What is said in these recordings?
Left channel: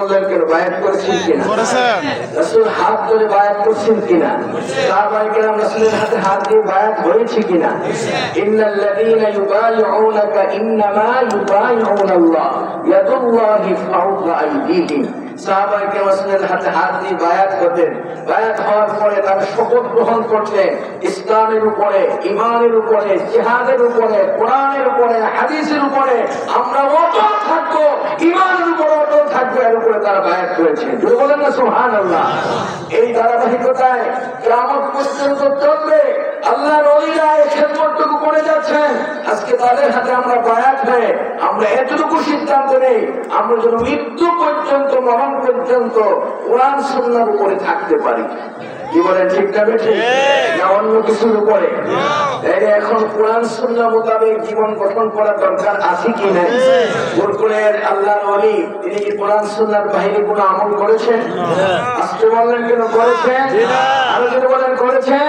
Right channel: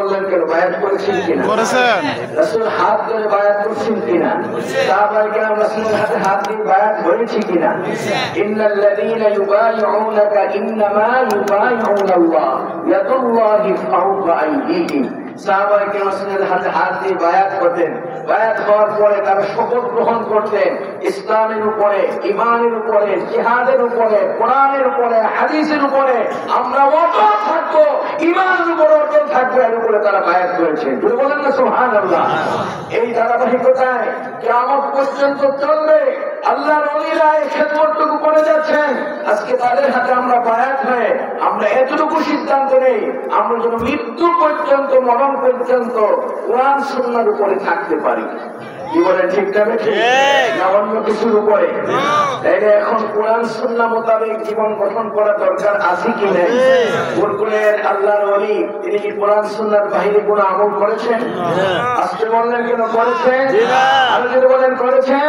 বললেন কেন বায়াত করেছেন কিনা? রাসূল হাত ধরে বায়াত করছেন কিনা? সাহাবায়ে কেরাম রাসূলের হাতে হাত দিয়ে বায়াত হয়েছে কিনা? ইন্নাল্লাযীনা ইউবাইউনাকা ইন্নামা ইউবাইউনাল্লাহ ইয়াদুল্লাহি ফাওকা আইদিহিম। সাহাবায়ে কেরাম রাসূলের হাতে হাত দিয়ে বায়াত করতেন। বায়াত হওয়ার পরে তারা শপথ গ্রহণ করতেন ইসলামের উপরে, ঈমানের উপরে, জিহাদের উপরে, কোরআনের উপরে, হাদিসের উপরে আমরা অটল থাকবো, ঈমানের উপরে অটল থাকবো, এর উপরে তারা বায়াত করেছেন। বলেন না সুবহানাল্লাহ। এই ধারাবাহিকতায় কিয়ামত পর্যন্ত চলবে। আল্লাহর ওলিরা এই খেদমতটুকু করে যাচ্ছেন। আজকে তাদের হাতে আমরা বায়াত হয়ে আমরা এতটুকু সিদ্ধান্ত নেই আমরা যেন মৃত্যু পর্যন্ত, মরণ পর্যন্ত কোরআন সুন্নাহর উপরে থাকতে পারি। কি বলেন, ঠিক না বেঠিক? না অন্য কিছুর উপরে? এখন কোরআন সুন্নাহ মোতাবেক জীবন গঠন করা দরকার আছে কি নাই? বরকুলের আল্লাহর ওলি তিনি কোরআন সুন্নাহর বাহিরে কোনো আমল করেছেন? আজকে বললেন কেন করেছেন? আরো যদি বলেন করেছেন।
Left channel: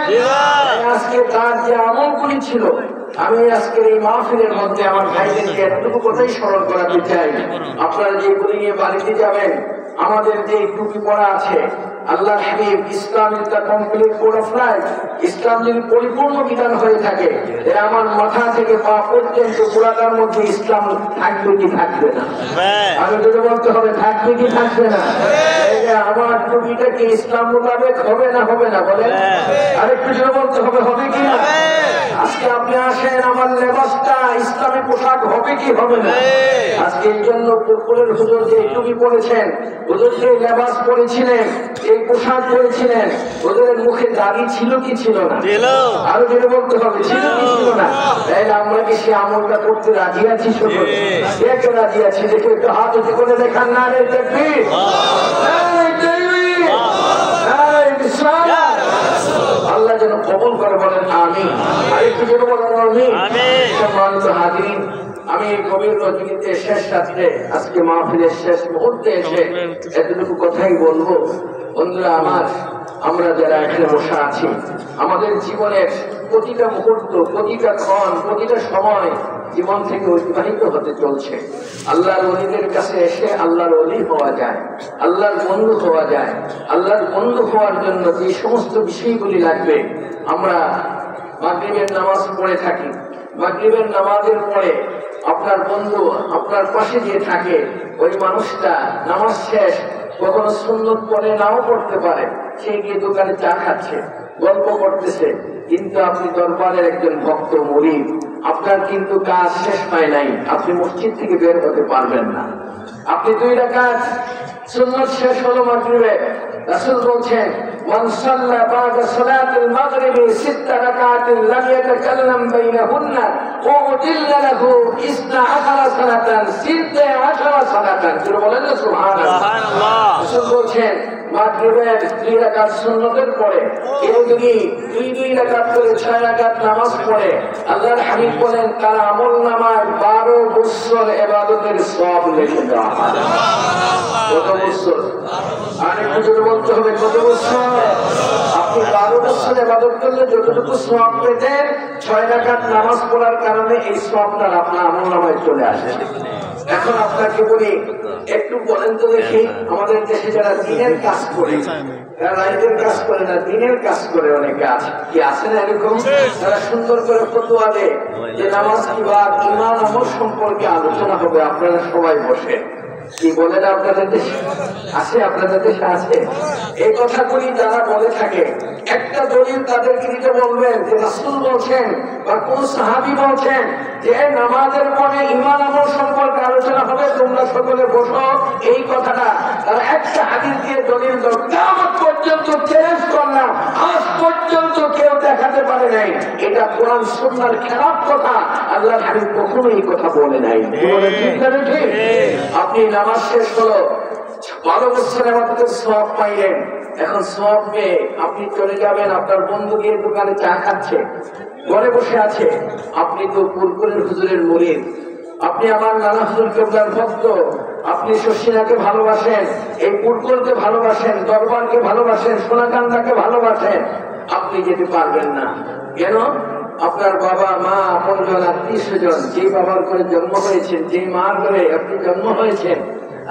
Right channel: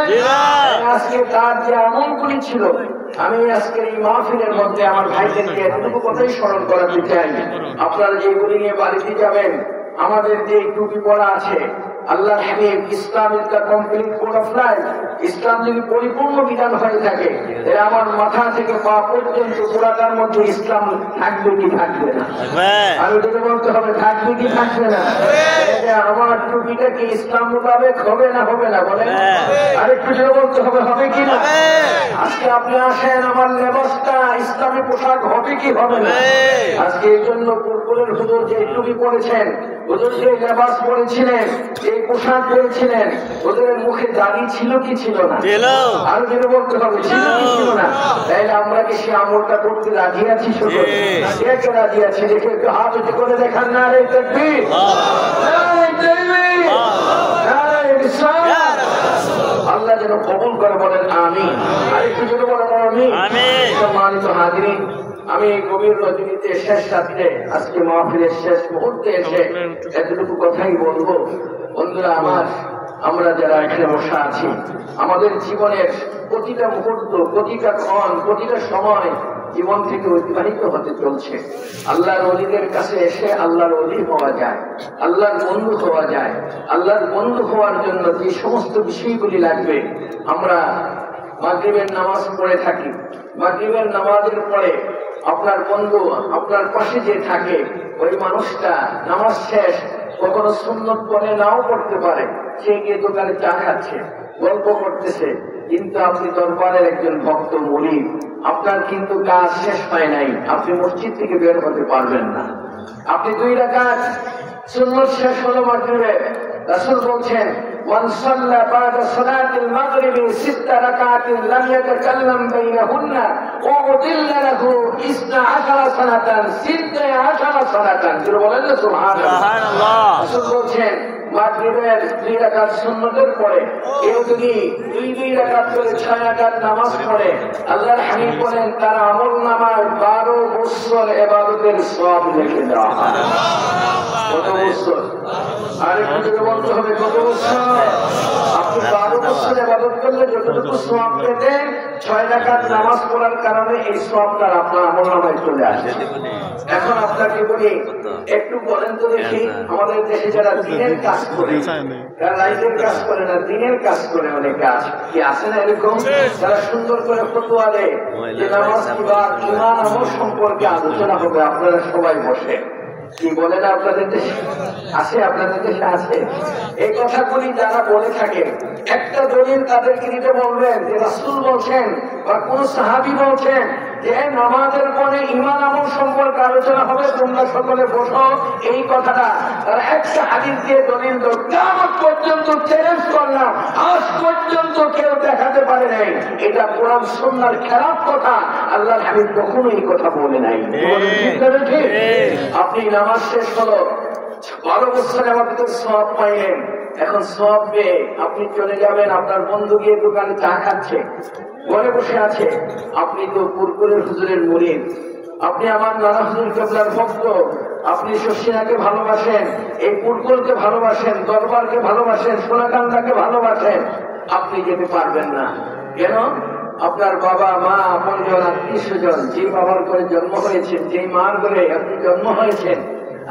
আজকে তার যে আমলগুলি ছিল আমি আজকের এই মাহফিলের মধ্যে আমার ভাইদেরকে এতটুকু কথাই স্মরণ করাতে চাই। আপনারা যেগুলি নিয়ে বাড়িতে যাবেন, আমাদের যে টুপি পরা আছে, আল্লাহর হাবিব Islam is the complete code of life, ইসলাম যদি পরিপূর্ণ বিধান হয়ে থাকে আমার মাথা থেকে পা পর্যন্ত পুরাটার মধ্যে ইসলাম থাকবে কি থাকবে না? আর যদি বলতে হবে থাকবে কি থাকবে না? আমার টুপিটা কি ইসলাম মোতাবেক হবে না হবে না? বলেন আরেকটু জোরে বলতে হবে, হবে কি না? আজকে আপনি আসেন, আমার লেবাসটা ইসলামী পোশাক হবে কি হবে না? আজকে এই জন্য পুরপুরের হুজুর যে টুপি পরেছেন, হুজুর যে লেবাস পরেছিলেন, এই পোশাক পরেছিলেন, ওদের মুখে দাড়ি ছিল কি ছিল না? আরো যেটা বলতে হবে ছিল কি ছিল না? তাইলে আমরা কি সে আমলটা করতে রাজি আছি? কে রাজি আছি? দেখে একটু হাত উঁচু করে দেখান। না রে তাকবীর, আল্লাহ যেন কবুল করে, বলেন আমিন। আরেকটু যেটা বলেন আমিন। সম্মানিত হাজিরিন, আমি গভীর রজনীতে শেষ রাত্রে আজকে মাহফিলের শেষ মুহূর্তে এসে এতটুকু কথাই বলবো। বন্ধুরা আমার, আমরা যারা এখানে বসে আছি, আমাদের জীবনের প্রতিটা মুহূর্ত, প্রতিটা ক্ষণ, প্রতিটা সময় জীবন থেকে অতিবাহিত হতে চলছে। আল্লাহর ওলিদের কাছে এসে আল্লাহর ওলি হওয়া যায়, আল্লাহর বন্ধু হওয়া যায়। আল্লাহর বন্ধু হওয়ার জন্য যে সমস্ত বিষয়গুলি লাগবে, আমরা মাগরিবের নামাজ পড়ে থাকি। মাগরিবের নামাজের পরে আপনার বন্ধু আপনার পাশে যে থাকে, ওই মানুষটা নামাজ শেষ কখনো সুন্নত পড়ে নাও পড়তে পারে, সে গিয়ে দোকানে চা খাচ্ছে, গল্প করতেছে, কিন্তু আপনি দরবারের একজন ভক্ত মুরিদ, আপনার কিন্তু কাজ শেষ হয় নাই, আপনি মসজিদ থেকে বের হতে পারবেন না। আপনি 2 রাকাত সুন্নত শেষ হলো মাগরিবে, রাসূল বলছেন মান সাল্লা বা'দা সালাতিল মাগরিবি 6 রাকাতিন লাম ইয়াতাকাল্লাম বাইনাহুন্না উদিল্লা লাহু 12 সালাতান 12 সালাতান। কি বলেন না সুবহানাল্লাহ? রাসূল বলছেন মাগরিবের 2 রাকাত সুন্নতের পরে কেউ যদি 2 রাকাত করে 6 রাকাত নামাজ পড়ে, আল্লাহর হাবিব বলেন তার আমলনামায় 12 বছর ইবাদতের সওয়াব লিখে দেওয়া হয়। কত বছর? আরেকটু জোরে বলতে হবে, কত বছর? আপনি 12 বছর ইবাদত করলে যতটুকু সওয়াব পেতেন, 6 রাকাত নামাজ পড়ার কারণে এই সওয়াবটা আপনার আমলনামায় চলে আসে। এখন আপনাকে বলি, একটু বলেন তো দেখি, আমাদের দেশে যারা দিনের কাজ করে, তারা রাইতের কাজ করে না, দিনের কাজ করে অনেকে আছে, কি আছে না এরকম? তারা সুন্দর করে ফতোয়া দেয় যে নামাজ কিংবা ঈমান আমল সম্পর্কে আলোচনা হবে, আপনারা সবাই বসে। কি বলেন আপনাদের দেশে আছে? আপনাদের দেশে আছে? এই কথাগুলি যারা বলে থাকে, একটা দলিল তাদেরকে দিতে বলবেন যে রাসূল বলছেন বা কোন সাহাবী বলছেন যে নামাজের পরে ঈমান আমল সম্পর্কে আলোচনা হবে, তোমরা সকলে বসো, এই কথাটা তারা একটা হাদিস দিয়ে দলিল দাও। কিয়ামত পর্যন্ত চ্যালেঞ্জ করলাম, আজ পর্যন্ত কেউ দেখাতে পারে নাই এটা কোরআন সুন্নাহর খেলাফ কথা। আল্লাহর হাবিব কখনো এই কথা বলে নাই। ঠিক? আপনি নামাজ শেষ হলো, 12 বছর আমাদের সওয়াব পাইলেন, এখন সওয়াব পেয়ে আপনি চলে যাবেন, আপনার বন্ধু গিয়ে দোকানে চা খাচ্ছে, ঘরে বসে আছে, আপনি তো পুরপুরের হুজুরের মুরিদ, আপনি আমার নানা হুজুর কেবলার ভক্ত, আপনি শশিনাকে ভালোবাসেন, এই পুরপুরকে ভালোবাসেন, দরবারকে ভালোবাসেন, সোনাকান্দাকে ভালোবাসেন, আপনি যেতে পারবেন না। কেন? আপনার বাবা মা আপনজন আত্মীয় স্বজন, যে বাবার ঘরে জন্ম হয়েছেন, যে মার ঘরে আপনি জন্ম হয়েছেন,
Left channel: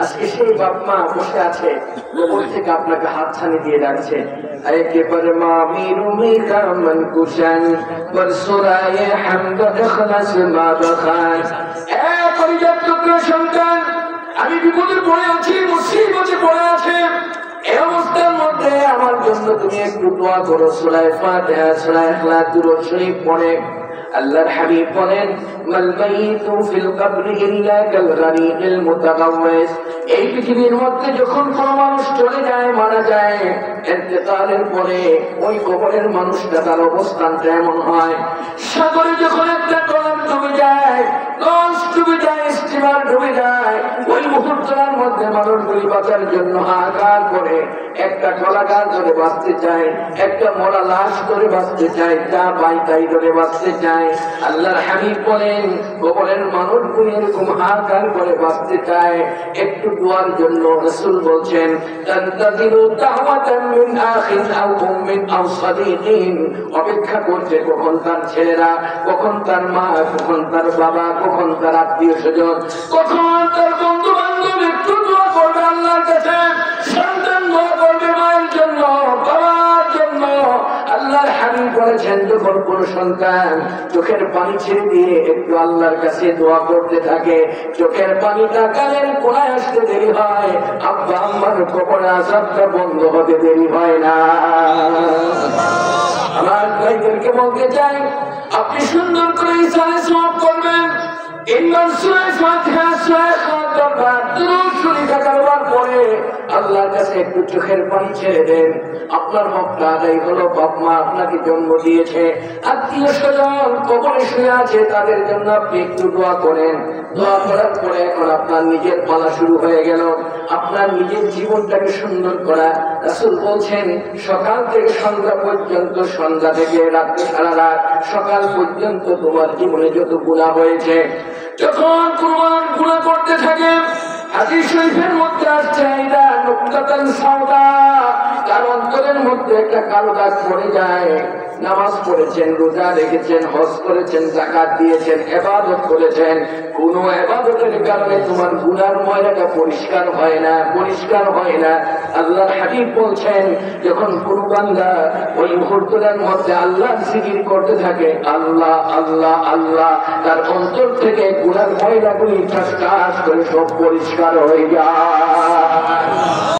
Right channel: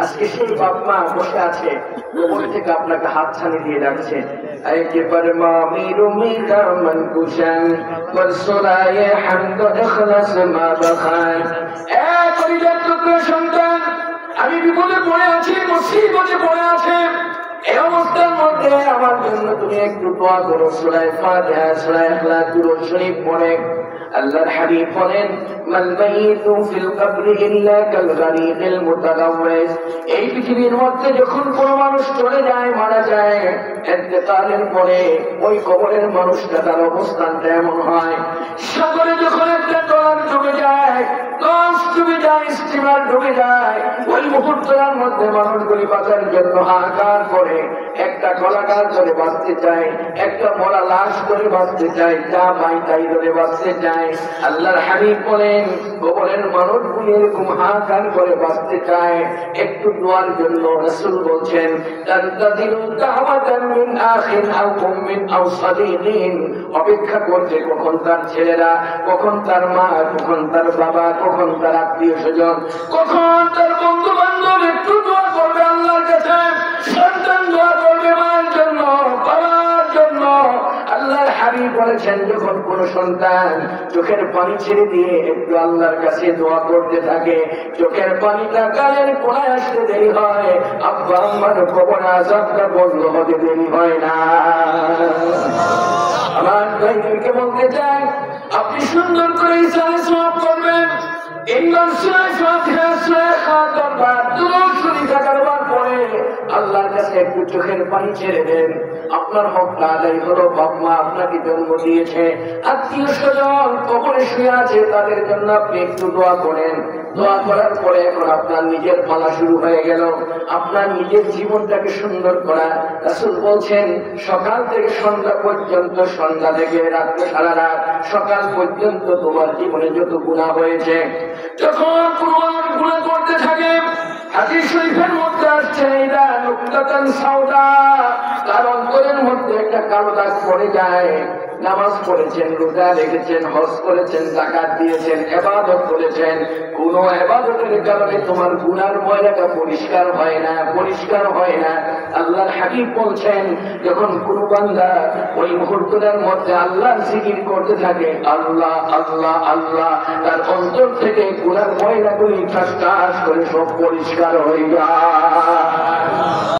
আজকে সেই বাপ মা বসে আছে, কবর থেকে আপনাকে হাতছানি দিয়ে রাখছে। একেবারে মামির উমিদা মন কুশন বরসুরায়ে হামদ ইখলাস মা বখান। এক পরিবার টুকরা সন্তান, আমি বিপদে পড়ে আছি, মুসিবতে পড়ে আছে, এই অবস্থার মধ্যে আমার জন্য তুমি একটু দোয়া করো। সূরা ফাতিহা, সূরা ইখলাস, দুরূদ শরীফ পড়ে। আল্লাহর হাবিব বলেন, মাল মাইতু ফিল কবরি ইল্লা কাল গরীকিল মুতাগাওয়িস। এই পৃথিবীর মধ্যে যখন কোনো মানুষ চলে যায়, মারা যায়, ইন্তেকালের পরে ওই কবরের মানুষটা তার অবস্থানটা এমন হয়, সাগরে যখন একটা ট্রলার ডুবে যায়, লঞ্চ ডুবে যায়, স্টিমার ডুবে যায়, ওই মুহূর্তের মধ্যে মানুষগুলি বাঁচার জন্য হাহাকার করে, একটা কলাগাছ ধরে বাঁচতে চায়, একটা মরা লাশ ধরে বাঁচতে চায়, যা পাই তাই ধরে বাঁচতে চায়। আল্লাহর হাবিব বলেন, কবরের মানুষগুলি এরকম হাহাকার করে বাঁচতে চায় একটু দোয়ার জন্য। রাসূল বলছেন, তানতাযিরু দাওয়াতাম মিন আখিন আও উম্মিন আও সাদিকিন। অপেক্ষা করছে কখন তার ছেলেরা, কখন তার মা, কখন তার বাবা, কখন তার আত্মীয় স্বজন, কখন তার বন্ধু বান্ধব একটু দোয়া করবে আল্লাহর কাছে। সন্তান দোয়া করবে মায়ের জন্য, বাবার জন্য। আল্লাহর হাবিব বলেছেন, যখন কোন সন্তান চোখের পানি ছেড়ে দিয়ে একটু আল্লাহর কাছে দোয়া করতে থাকে, চোখের পানিটা গালের কোনায় আসতে দেরি হয়, আব্বা আম্মার কবর আযাবটা বন্ধ হতে দেরি হয় না। আমার ভাইদেরকে বলতে চাই, আপনি সুন্দর করে ইসালে সওয়াব করবেন। ইমান সূরা ফাতিহা, সূরা ইখলাস বার দুরূদ শরীফ একবার পড়ে আল্লাহর কাছে একটু চোখের পানি ছেড়ে দেন। আপনার হকটা আদায় হলো। বাপ মা আপনাকে জন্ম দিয়েছে, আত্মীয় স্বজন কবরে শুয়ে আছে, তাদের জন্য আপনি একটু দোয়া করেন। দোয়া করার পরে এখন আপনার নিজের পালা শুরু হয়ে গেল, আপনার নিজের জীবনটাকে সুন্দর করা। রাসূল বলছেন, সকাল থেকে সন্ধ্যা পর্যন্ত, সন্ধ্যা থেকে রাত্রে সারা রাত, সকাল পর্যন্ত তোমার জীবনে যত গুনাহ হয়েছে, যখন কুরবান গুনাহ করতে থাকে, হাদিস শরীফের মধ্যে আসছে, এটা নুকতাতুন সাওদা, তার অন্তরের মধ্যে একটা কালো দাগ পড়ে যায়। নামাজ পড়েছেন, রোজা রেখেছেন, হজ করেছেন, যাকাত দিয়েছেন, ইবাদত করেছেন, কোন ইবাদতের কারণে তোমার গুনার ময়লাটা পরিষ্কার হয় না, পরিষ্কার হয় না। আল্লাহর হাবিব বলছেন, যখন কোন বান্দা ওই মুহূর্তের মধ্যে আল্লাহর জিকির করতে থাকে, আল্লাহ আল্লাহ আল্লাহ, তার অন্তর থেকে গুনার ময়লাগুলি ঠাস ঠাস করে সব পরিষ্কার হয়ে যায়।